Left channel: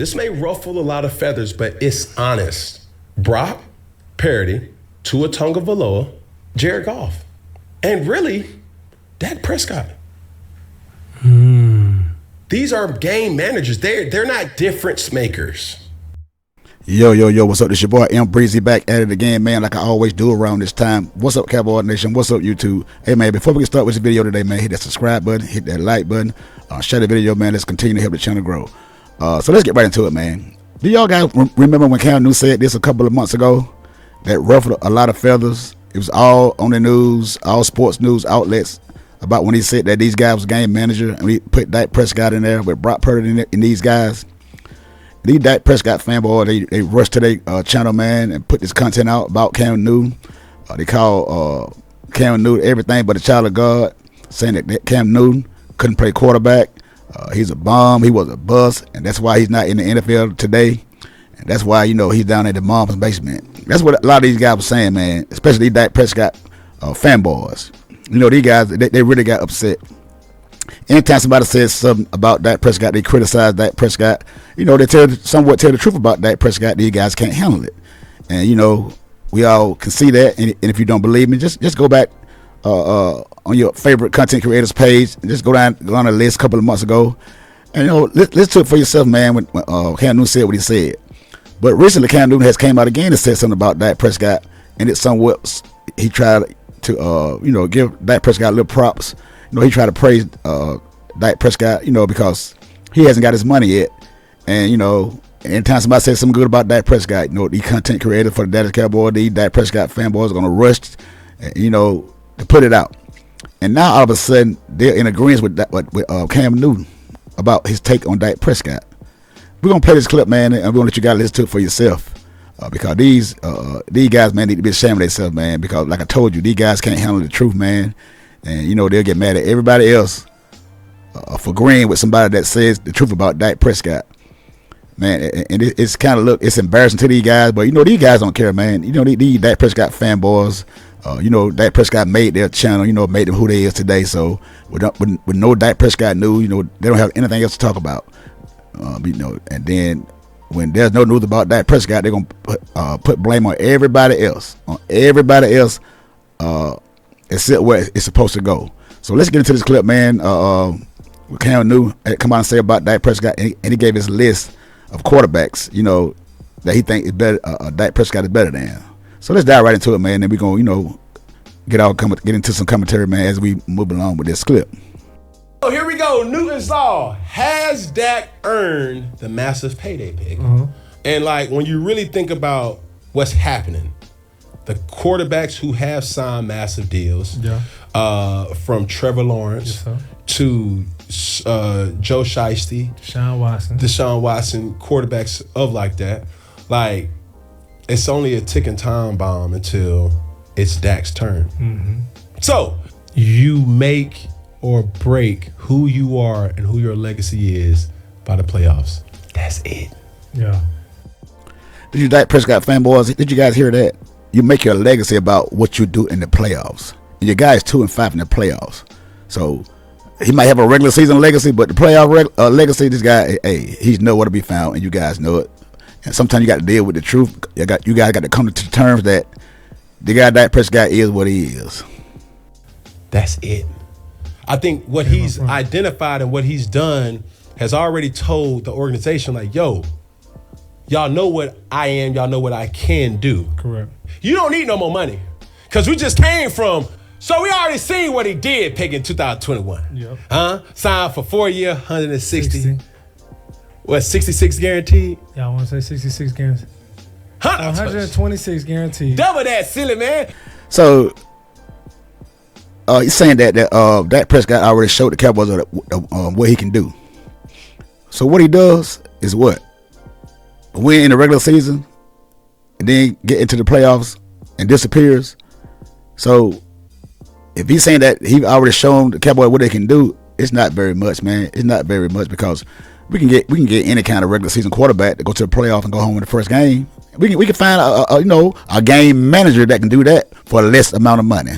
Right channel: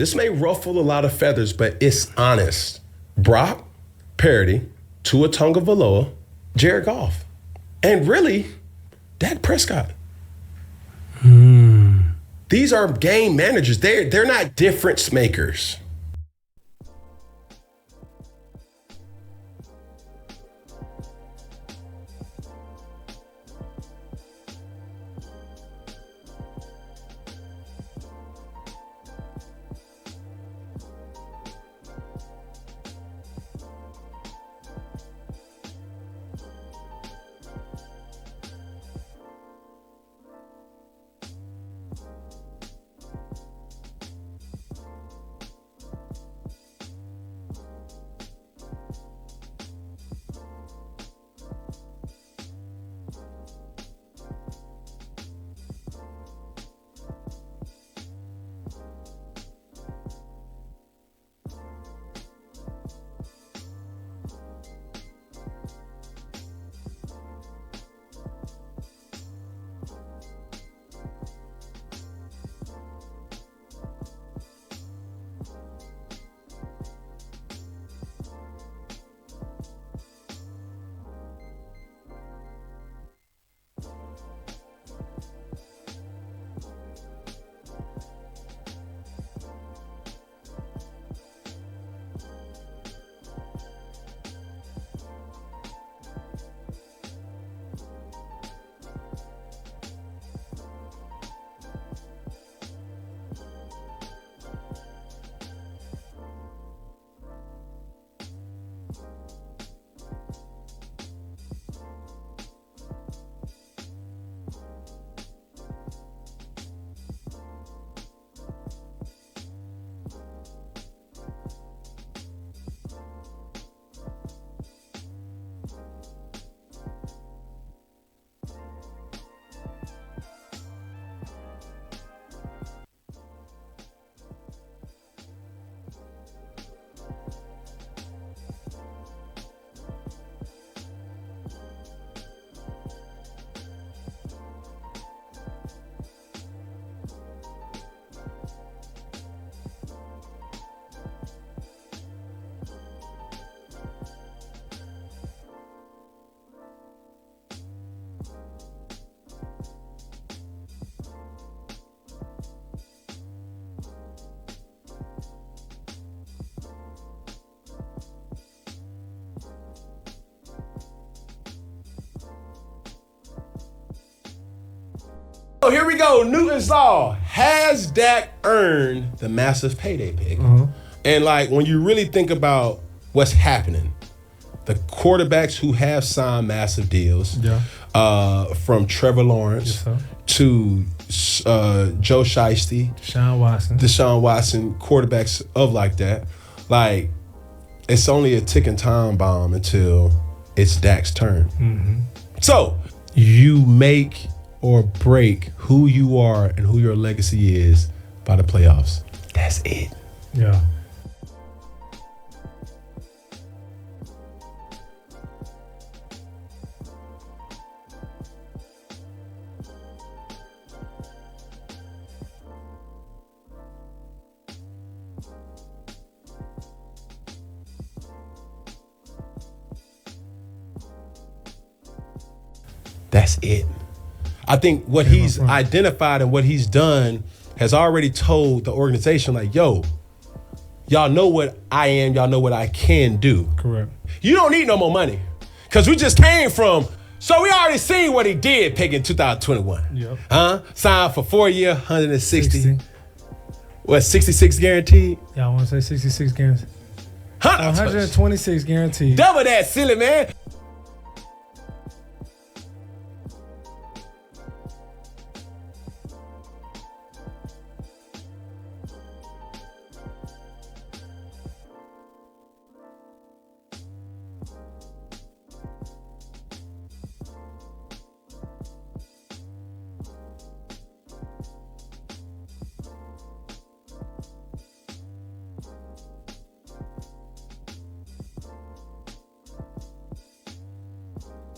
This may ruffle a lot of feathers, but it's honest. Brock Purdy, Tua Tagovailoa, Jared Goff, and really, Dak Prescott. These are game managers. They're not difference makers. Yo, what's up? This your boy M Breezy back at it again, man, like I always do around this time. What's up, Cowboy Nation? What's up, YouTube? Hey, man, before we get started with this video today, man, hit that subscribe button, hit that like button, share the video, man. Let's continue to help the channel grow. So let's get right into it, man. Do y'all guys remember when Cam Newton said this a couple of months ago? That ruffled a lot of feathers. It was all on the news, all sports news outlets, about when he said that these guys was game manager, and we put Dak Prescott in there with Brock Purdy and these guys. These Dak Prescott fanboys, they rushed to their channel, man, and put this content out about Cam Newton. They call Cam Newton everything but a child of God, saying that Cam Newton couldn't play quarterback. He's a bum. He was a bust, and that's why he's not in the NFL today. And that's why, he's down at the mom's basement. That's what a lot of these guys were saying, man, especially these Dak Prescott fanboys. These guys, they really got upset. Anytime somebody says something about Dak Prescott, they criticize Dak Prescott. They somewhat tell the truth about Dak Prescott. These guys can't handle it. And, we all can see that. And if you don't believe me, just go back on your favorite content creators page and just go down the list a couple of months ago. And, listen to it for yourself, man, when Cam Newton said what he said. But recently, Cam Newton has came out again and said something about Dak Prescott. And it's somewhat, he tried to, give Dak Prescott a little props. He tried to praise Dak Prescott, because he hasn't got his money yet. And, anytime somebody says something good about Dak Prescott, the content creator for the Dallas Cowboys, the Dak Prescott fanboys are going to rush, to put it out. And now all of a sudden, they're in agreement with Cam Newton about his take on Dak Prescott. We're going to play this clip, man, and we're going to let you guys listen to it for yourself. Because these guys, man, need to be ashamed of themselves, man, because like I told you, these guys can't handle the truth, man. And, they'll get mad at everybody else for agreeing with somebody that says the truth about Dak Prescott. Man, and it's kind of, it's embarrassing to these guys, but, these guys don't care, man. These Dak Prescott fanboys, Dak Prescott made their channel, made them who they is today. So with no Dak Prescott news, they don't have anything else to talk about. And then when there's no news about Dak Prescott, they're going to put blame on everybody else. Except where it's supposed to go. So let's get into this clip, man. Cam Newton come out and say about Dak Prescott, and he gave his list of quarterbacks, that he think is better. Dak Prescott is better than. So let's dive right into it, man. And we're gonna, get into some commentary, man, as we move along with this clip. So here we go. Newton's Law. Has Dak earned the massive payday pick? And when you really think about what's happening, the quarterbacks who have signed massive deals, from Trevor Lawrence to Joe Shiesty, Deshaun Watson, quarterbacks of like that, it's only a ticking time bomb until it's Dak's turn. So you make or break who you are and who your legacy is by the playoffs. That's it. Yeah. Did you Dak Prescott fanboys? Did you guys hear that? You make your legacy about what you do in the playoffs. And your guy is 2-5 in the playoffs. So he might have a regular season legacy, but the playoff legacy, this guy, hey, he's nowhere to be found, and you guys know it. And sometimes you got to deal with the truth. You guys got to come to terms that the guy Dak Prescott is what he is. That's it. I think what he's identified and what he's done has already told the organization, yo, y'all know what I am, y'all know what I can do. Correct. You don't need no more money. Because we just came from, so we already seen what he did picking 2021. Yep. Signed for 4 year, 160. What, 66 guaranteed? Yeah, I want to say 66 guaranteed. 126 guaranteed. Double that, silly man. So he's saying that Dak Prescott already showed the Cowboys what he can do. So what he does is what? Win in the regular season and then get into the playoffs and disappears. So if he's saying that he already shown the Cowboys what they can do, it's not very much, man. It's not very much, because we can get any kind of regular season quarterback to go to the playoff and go home in the first game. We can find a game manager that can do that for less amount of money.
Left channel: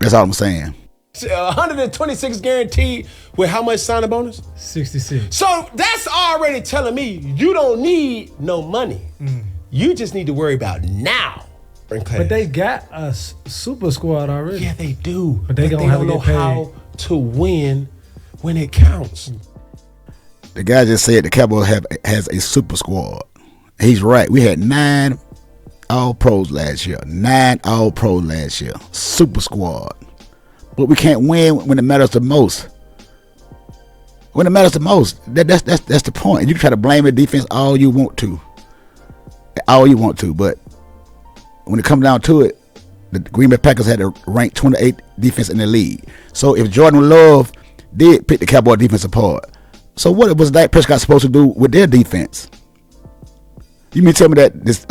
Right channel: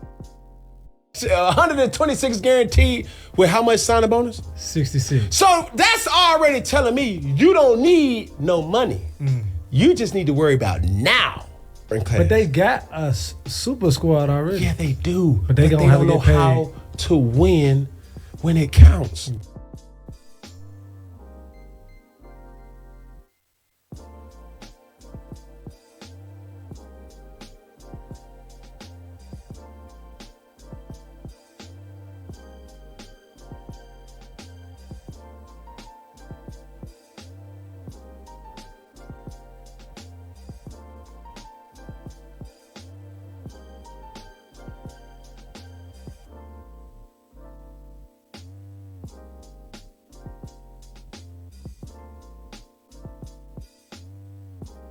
That's all I'm saying. 126 guaranteed with how much signing bonus? 66. So that's already telling me you don't need no money. You just need to worry about now. But they got a super squad already. Yeah, they do. But they don't know how to win when it counts. The guy just said the Cowboys has a super squad. He's right. We had 9 All-Pros last year. 9 All-Pros last year. Super squad. But we can't win when it matters the most. When it matters the most. That's the point. And you try to blame the defense all you want to. But when it comes down to it, the Green Bay Packers had to rank 28th defense in the league. So if Jordan Love did pick the Cowboy defense apart, so what was Dak Prescott supposed to do with their defense? You mean tell me that this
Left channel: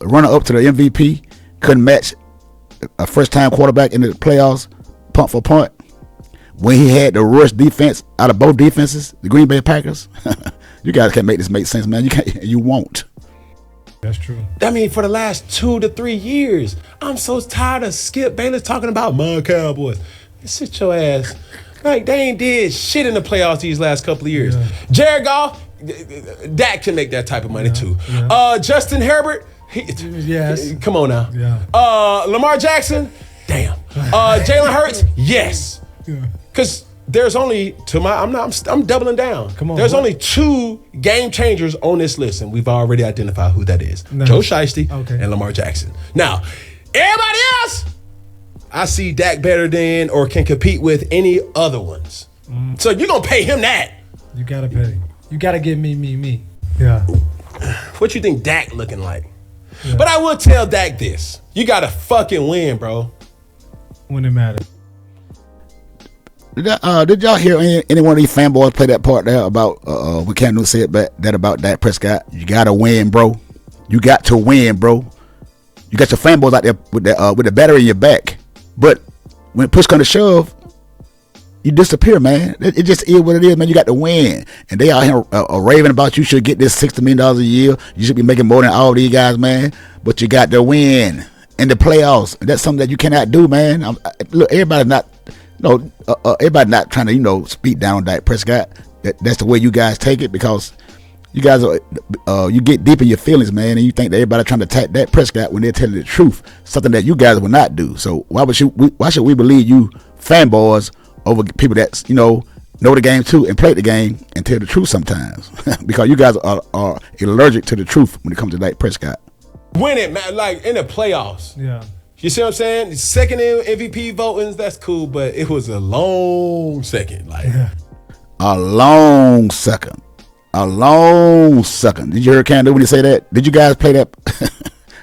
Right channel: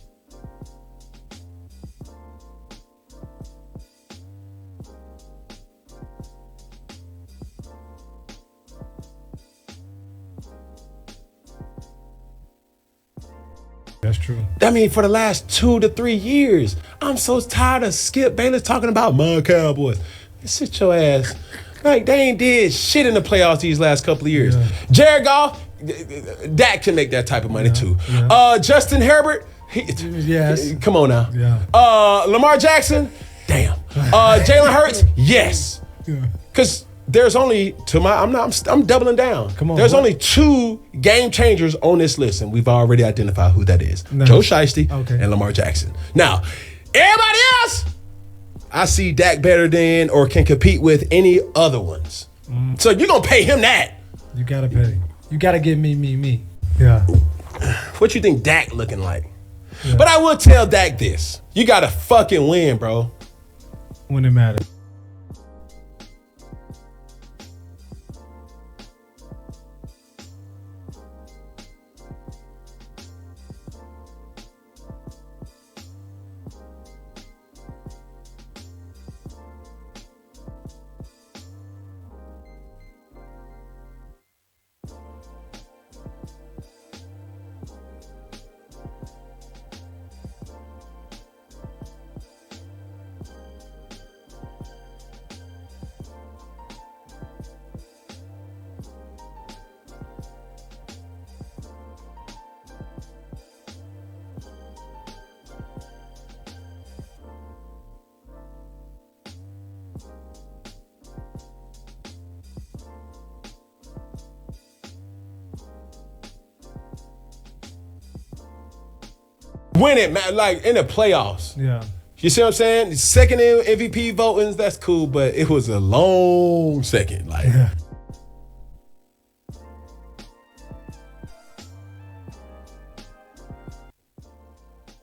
runner-up to the MVP couldn't match a first-time quarterback in the playoffs, punt for punt, when he had the worst defense out of both defenses, the Green Bay Packers? You guys can't make this make sense, man. You can't. You won't. That's true. I mean, for the last 2 to 3 years, I'm so tired of Skip Bayless talking about my Cowboys. Sit your ass. Like, they ain't did shit in the playoffs these last couple of years. Yeah. Jared Goff, Dak can make that type of money too. Yeah. Justin Herbert, yes. Come on now. Yeah. Lamar Jackson, damn. Jalen Hurts, yes. Yeah. Because there's only, I'm doubling down. Come on. There's only 2 game changers on this list, and we've already identified who that is. Nice. Joe Shiesty and Lamar Jackson. Now, everybody else, I see Dak better than or can compete with any other ones. So you're going to pay him that. You got to pay. You got to give me. Yeah. What you think Dak looking like? Yeah. But I will tell Dak this. You got to fucking win, bro. When it matters. Did y'all hear any one of these fanboys play that part there about what Cam Newton said that about Dak Prescott? You got to win, bro. You got to win, bro. You got your fanboys out there with the battery in your back. But when push comes to shove, you disappear, man. It just is what it is, man. You got to win. And they out here raving about you should get this $60 million a year. You should be making more than all these guys, man. But you got to win in the playoffs. That's something that you cannot do, man. Look, everybody not trying to, speak down on Dak Prescott. That's the way you guys take it, because you guys you get deep in your feelings, man, and you think that everybody trying to attack Dak Prescott when they're telling the truth, something that you guys will not do. So why should we believe you fanboys over people that know the game too and play the game and tell the truth sometimes? Because you guys are allergic to the truth when it comes to Dak Prescott. Win it, man, like in the playoffs. Yeah. You see what I'm saying? Second in MVP votings, that's cool, but it was a long second. A long second. Did you hear Cam Newton when he say that? Did you guys play that?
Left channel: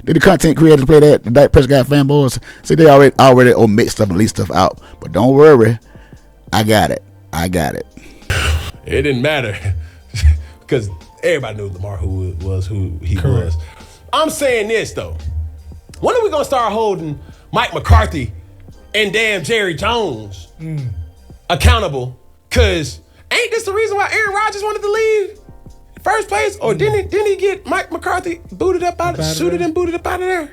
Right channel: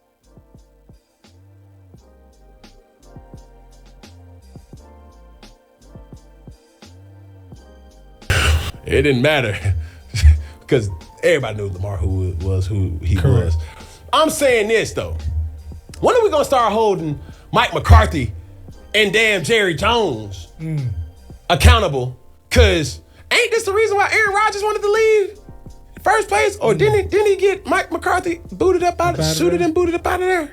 Did the content creators play that? The Dak Prescott fanboys? See, they already omit stuff and leave stuff out. But don't worry. I got it. It didn't matter. Because everybody knew Lamar who he was. I'm saying this, though. When are we going to start holding Mike McCarthy and damn Jerry Jones accountable? Because ain't this the reason why Aaron Rodgers wanted to leave? First place, or didn't he get Mike McCarthy booted up out of there?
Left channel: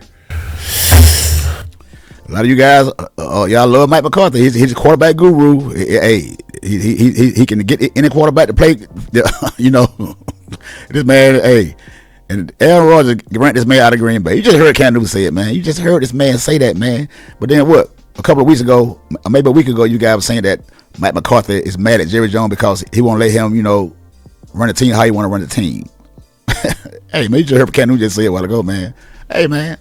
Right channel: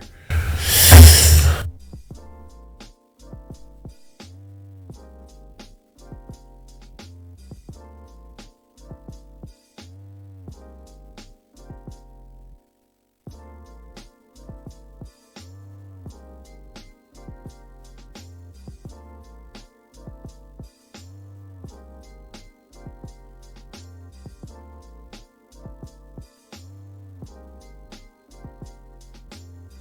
A lot of you guys, y'all love Mike McCarthy. He's a quarterback guru. Hey, he can get any quarterback to play. This man, hey, and Aaron Rodgers ran this man out of Green Bay. You just heard Cam Newton say it, man. You just heard this man say that, man. But then what? A couple of weeks ago, maybe a week ago, you guys were saying that Mike McCarthy is mad at Jerry Jones because he won't let him, run the team how you want to run the team. Hey, man, you just heard Cam Newton just say it a while ago, man. Hey, man,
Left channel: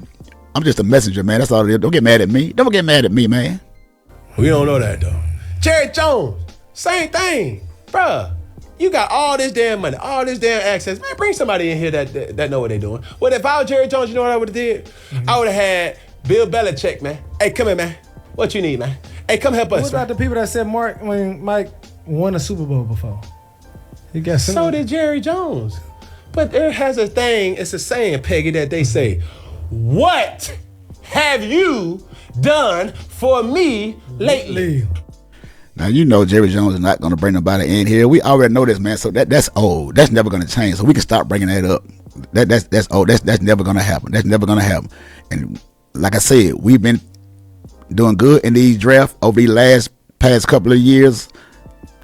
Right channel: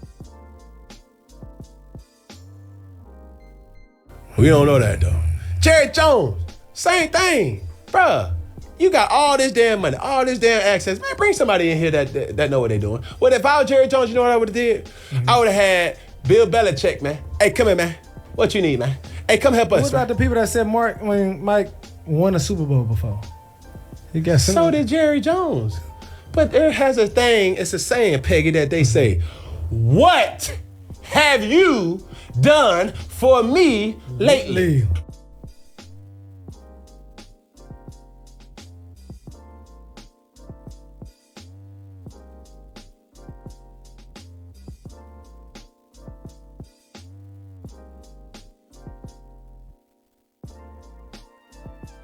I'm just a messenger, man. That's all it is. Don't get mad at me. Don't get mad at me, man. We don't know that, though. Jerry Jones, same thing. Bruh, you got all this damn money, all this damn access. Man, bring somebody in here that know what they doing. Well, if I was Jerry Jones, you know what I would have did? I would have had Bill Belichick, man. Hey, come here, man. What you need, man? Hey, come help us. What about the people that said Mike won a Super Bowl before? He got so did Jerry Jones. But there has a thing, it's a saying, Peggy, that they say, what have you done for me lately? Now, Jerry Jones is not going to bring nobody in here. We already know this, man. So that's old. That's never going to change. So we can stop bringing that up. That's old. That's never going to happen. That's never going to happen. And like I said, we've been doing good in these drafts over these last past couple of years,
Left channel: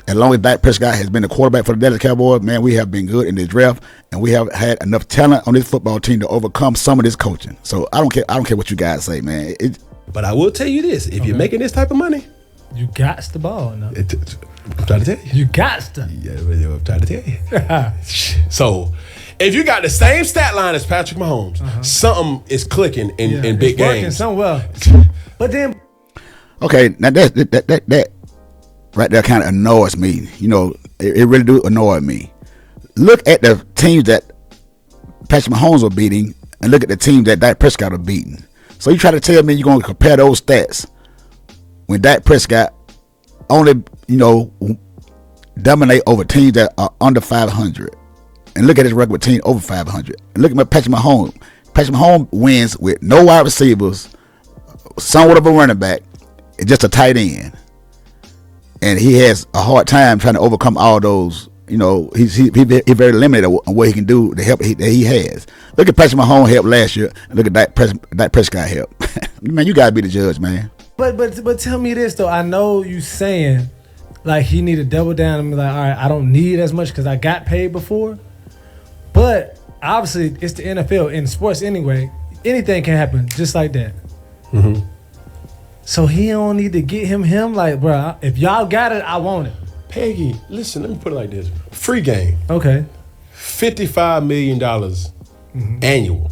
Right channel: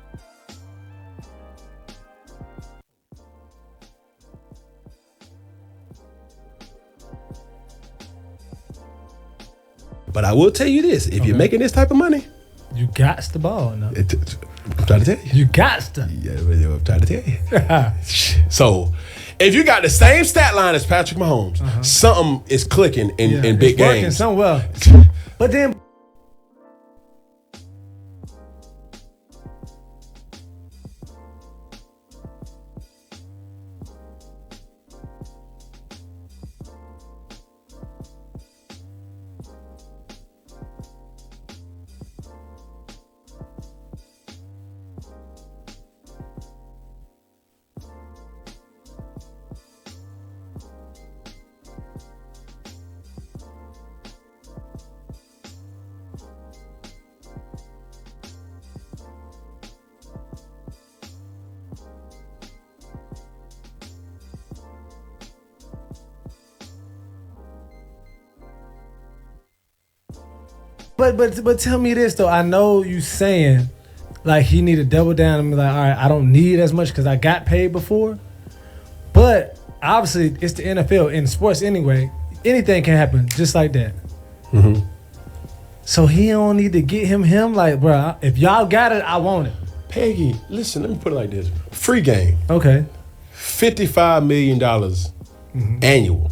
as long as Dak Prescott has been the quarterback for the Dallas Cowboys, man, we have been good in this draft, and we have had enough talent on this football team to overcome some of this coaching. So I don't care what you guys say, man. But I will tell you this: if you're making this type of money, you got the ball. No? I'm trying to tell you. You got to. Yeah, I'm trying to tell you. So, if you got the same stat line as Patrick Mahomes, something is clicking in big games. Something well. But then, okay, now that right there kind of annoys me. You know, it really do annoy me. Look at the teams that Patrick Mahomes was beating, and look at the teams that Dak Prescott was beating. So you try to tell me you're going to compare those stats when Dak Prescott only, dominate over teams that are under 500, and look at his record with teams over 500. And look at Patrick Mahomes. Patrick Mahomes wins with no wide receivers, somewhat of a running back, and just a tight end. And he has a hard time trying to overcome all those. He's very limited on what he can do, the help that he has. Look at Patrick Mahomes help last year, and look at Dak Prescott help. Man, you gotta be the judge, man. But tell me this though. I know you saying like he need to double down and be like, all right, I don't need as much because I got paid before. But obviously, it's the NFL in sports anyway. Anything can happen just like that. Mm-hmm. So he don't need to get him like, bro. If y'all got it, I want it. Peggy, listen, let me put it like this. Free game. Okay. $55 million annual.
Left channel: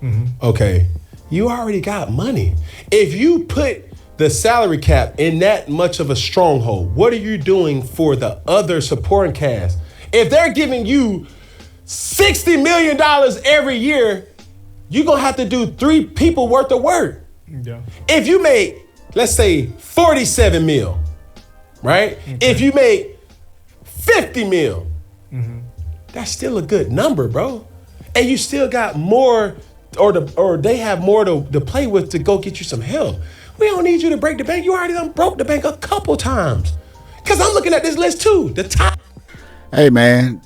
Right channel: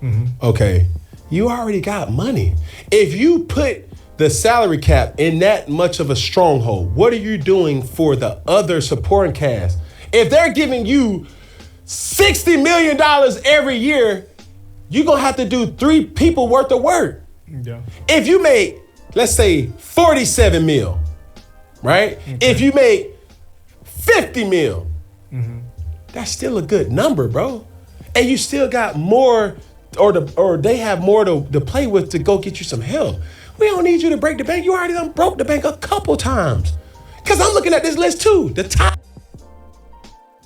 Mm-hmm. Okay. You already got money. If you put the salary cap in that much of a stronghold, what are you doing for the other supporting cast? If they're giving you $60 million every year, you're going to have to do 3 people worth of work. Yeah. If you make, let's say, 47 mil, right? Okay. If you make 50 mil, that's still a good number, bro. And you still got more, or they have more to play with to go get you some help. We don't need you to break the bank. You already done broke the bank a couple times. Because I'm looking at this list too. The top. Hey, man.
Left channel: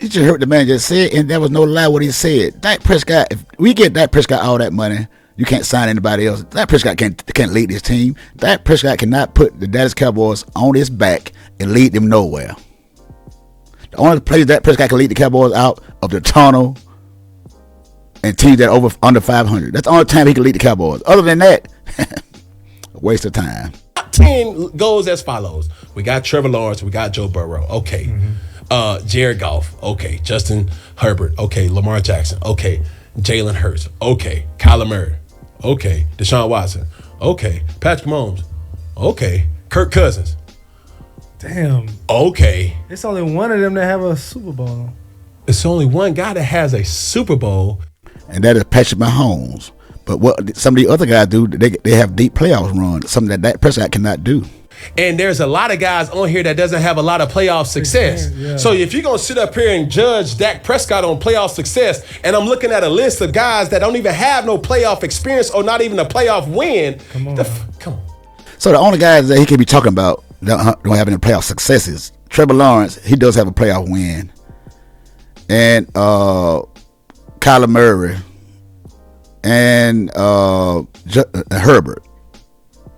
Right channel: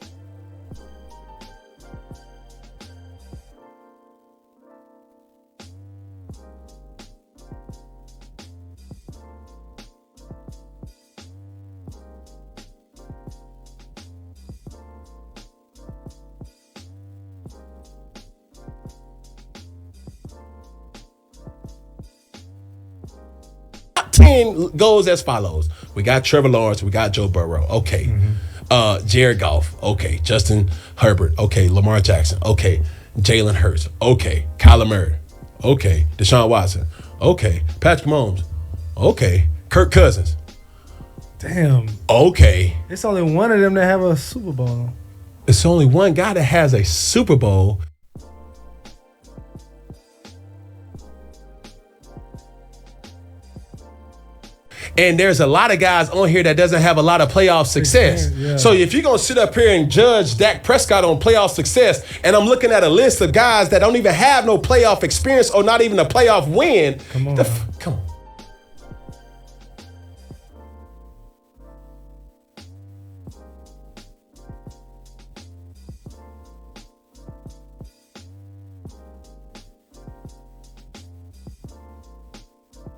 You just heard what the man just said, and there was no lie what he said. Dak Prescott, if we get Dak Prescott all that money, you can't sign anybody else. Dak Prescott can't lead this team. Dak Prescott cannot put the Dallas Cowboys on his back and lead them nowhere. The only place Dak Prescott can lead the Cowboys out of the tunnel and teams that are under 500. That's the only time he can lead the Cowboys. Other than that, a waste of time. Top 10 goes as follows. We got Trevor Lawrence. We got Joe Burrow. Okay. Jared Goff. Okay. Justin Herbert. Okay. Lamar Jackson. Okay. Jalen Hurts. Okay. Kyler Murray. Okay. Deshaun Watson. Okay. Patrick Mahomes. Okay. Kirk Cousins. Damn. Okay. It's only one of them that have a Super Bowl. It's only one guy that has a Super Bowl. And that is Patrick Mahomes. But what some of the other guys do, they have deep playoffs runs, something that Dak Prescott cannot do. And there's a lot of guys on here that doesn't have a lot of playoff success. Yeah. So if you're going to sit up here and judge Dak Prescott on playoff success, and I'm looking at a list of guys that don't even have no playoff experience or not even a playoff win. Come on. Come on. So the only guys that he can be talking about that don't have any playoff successes, Trevor Lawrence, he does have a playoff win. And Kyler Murray and Herbert.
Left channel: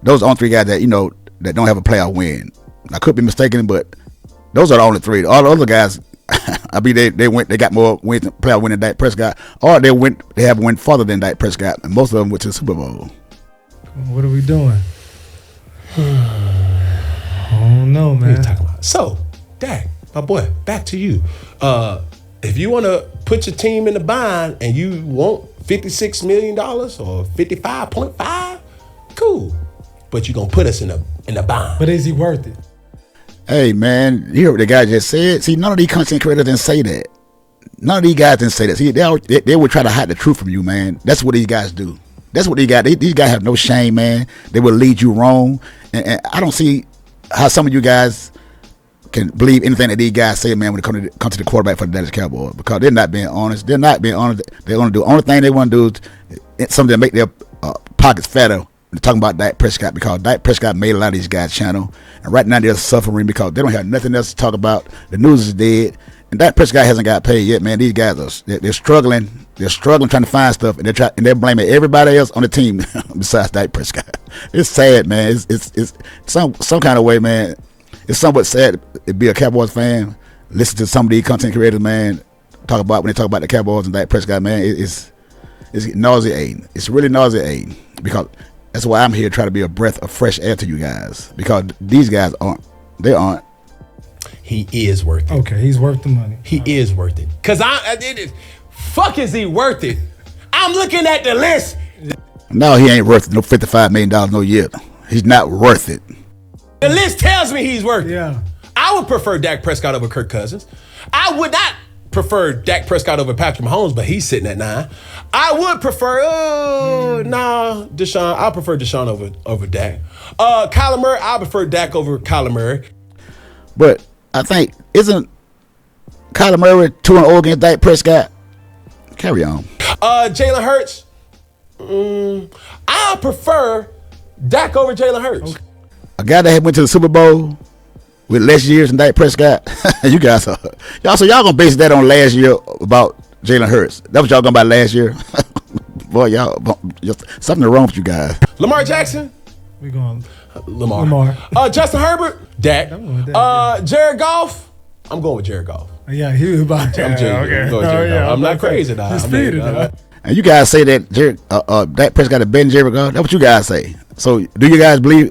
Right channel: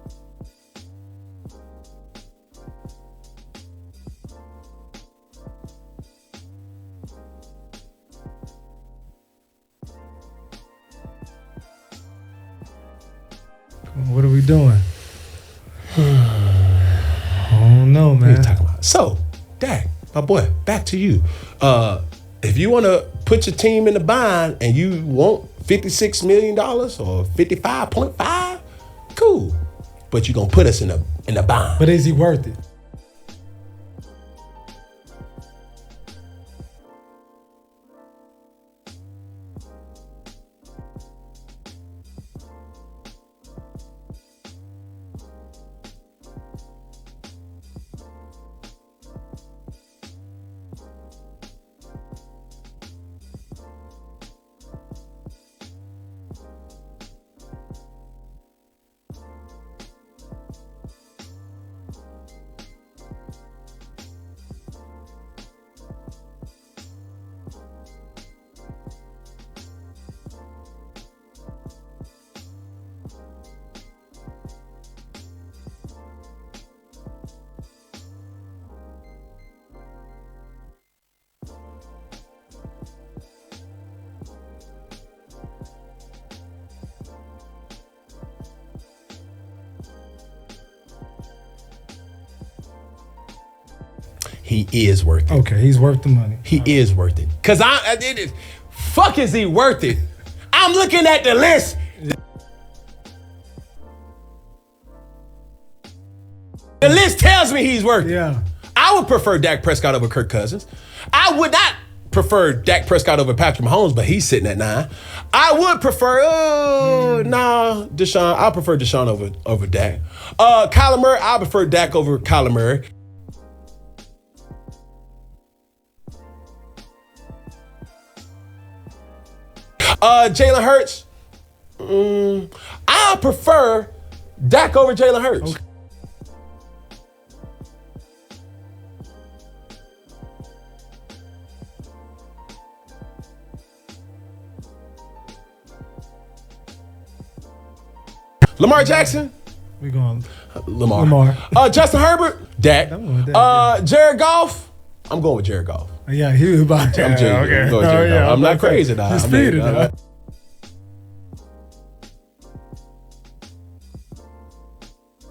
Those are the only 3 guys that, that don't have a playoff win. I could be mistaken, but those are the only 3. All the other guys, I mean, they got more wins, playoff win than Dak Prescott, or they have went farther than Dak Prescott, and most of them went to the Super Bowl. What are we doing? I don't know, man. What are you talking about? So, Dak, my boy, back to you. If you want to put your team in the bind and you want $56 million or 55.5, cool. But you're going to put us in the bind. But is he worth it? Hey, man, you heard what the guy just said? See, none of these content creators didn't say that. None of these guys didn't say that. See, they would try to hide the truth from you, man. That's what these guys do. That's what these guys, these guys have no shame, man. They will lead you wrong. And I don't see how some of you guys can believe anything that these guys say, man, when it comes to the quarterback for the Dallas Cowboys, because they're not being honest. They're not being honest. They're going to do the only thing they want to do is something to make their pockets fatter. They're talking about Dak Prescott, because Dak Prescott made a lot of these guys channel. And right now they're suffering because they don't have nothing else to talk about. The news is dead. And Dak Prescott hasn't got paid yet, man. These guys they're struggling. They're struggling trying to find stuff, and they're blaming everybody else on the team besides Dak Prescott. It's sad, man. It's some kind of way, man. It's somewhat sad to be a Cowboys fan. Listen to some of these content creators, man, when they talk about the Cowboys and Dak Prescott, man. It's nauseating. It's really nauseating because that's why I'm here trying to be a breath of fresh air to you guys, because these guys aren't. They aren't. He is worth it. Okay, he's worth the money. He is worth it. Cause fuck is he worth it? I'm looking at the list. No, he ain't worth it. No $55 million no year. He's not worth it. The list tells me he's worth it. Yeah. I would prefer Dak Prescott over Kirk Cousins. I would not prefer Dak Prescott over Patrick Mahomes, but he's sitting at 9. I would prefer, Deshaun. I prefer Deshaun over Dak. Kyler Murray, I prefer Dak over Kyler Murray. But I think, isn't Kyler Murray 2-0 against Dak Prescott? Carry on. Jalen Hurts, I prefer Dak over Jalen Hurts. Okay. A guy that had went to the Super Bowl with less years than Dak Prescott. You guys are y'all gonna base that on last year about Jalen Hurts. That was y'all going by last year. Boy, something wrong with you guys. Lamar Jackson. We going Lamar. Justin Herbert. Dak. Jared Goff. I'm going with Jared Goff. Yeah, he was about to. I'm not crazy now. And you guys say that Dak Prescott is better than Jared Goff. That's what you guys say. So do you guys believe?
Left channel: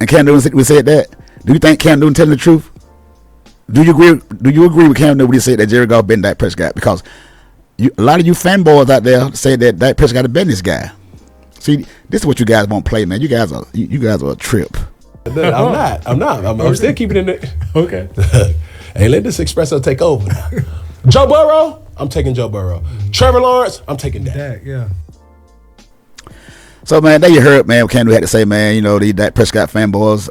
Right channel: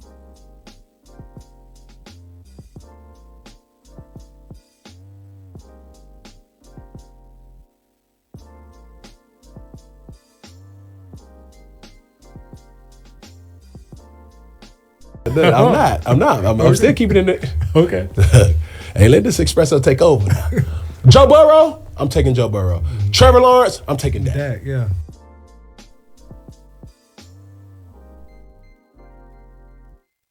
And Cam Newton said that. Do you think Cam Newton telling the truth? Do you agree with Cam Newton when he said that Jared Goff better than Dak Prescott? Because a lot of you fanboys out there say that Dak Prescott is better than this guy. See, this is what you guys won't play, man. You guys are a trip. I'm not. I'm still keeping it in there. Okay. Hey, let this espresso take over now. Joe Burrow, I'm taking Joe Burrow. Trevor Lawrence, I'm taking Dak. Dak, yeah. So, man, there you heard, man, what Cam Newton had to say, man. You know, the Dak Prescott fanboys,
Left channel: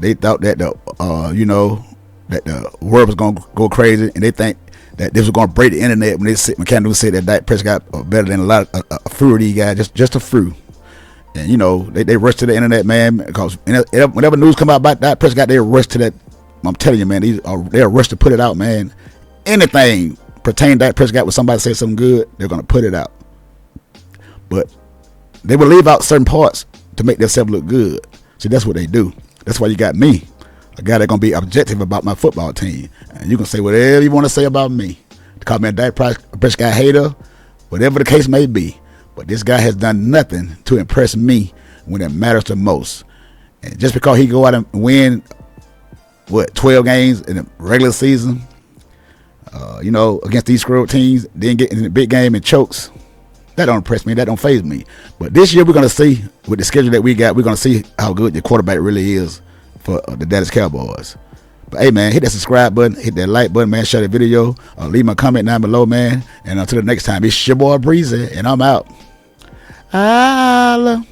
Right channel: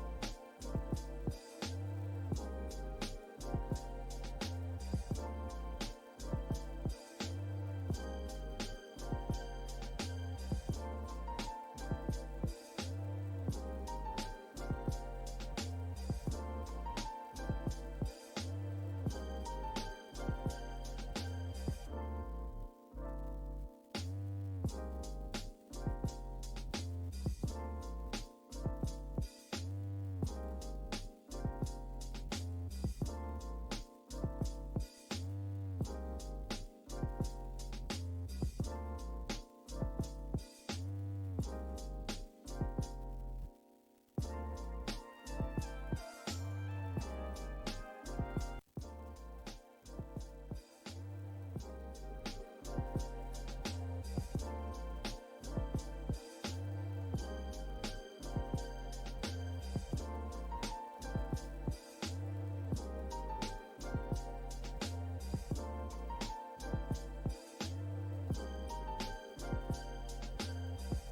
they thought that that the world was going to go crazy, and they think that this was going to break the internet when Cam Newton said that Dak Prescott was better than a few of these guys, just a few. And, you know, they rushed to the internet, man, because whenever news come out about Dak Prescott, they rush to that. I'm telling you, man, they're rushed to put it out, man. Anything pertaining to Dak Prescott, when somebody says something good, they're going to put it out. But they will leave out certain parts to make themselves look good. See, that's what they do. That's why you got me, a guy that's going to be objective about my football team. And you can say whatever you want to say about me. Call me a Dak Prescott hater, whatever the case may be. But this guy has done nothing to impress me when it matters the most. And just because he go out and win, 12 games in the regular season, against these screwed teams, then get in the big game and chokes, that don't impress me. That don't faze me. But this year we're going to see, with the schedule that we got, we're going to see how good the quarterback really is for the Dallas Cowboys. But hey, man, hit that subscribe button, hit that like button, man, share the video, leave my comment down below, man. And until the next time, it's your boy Breezy, and I'm out. Holla.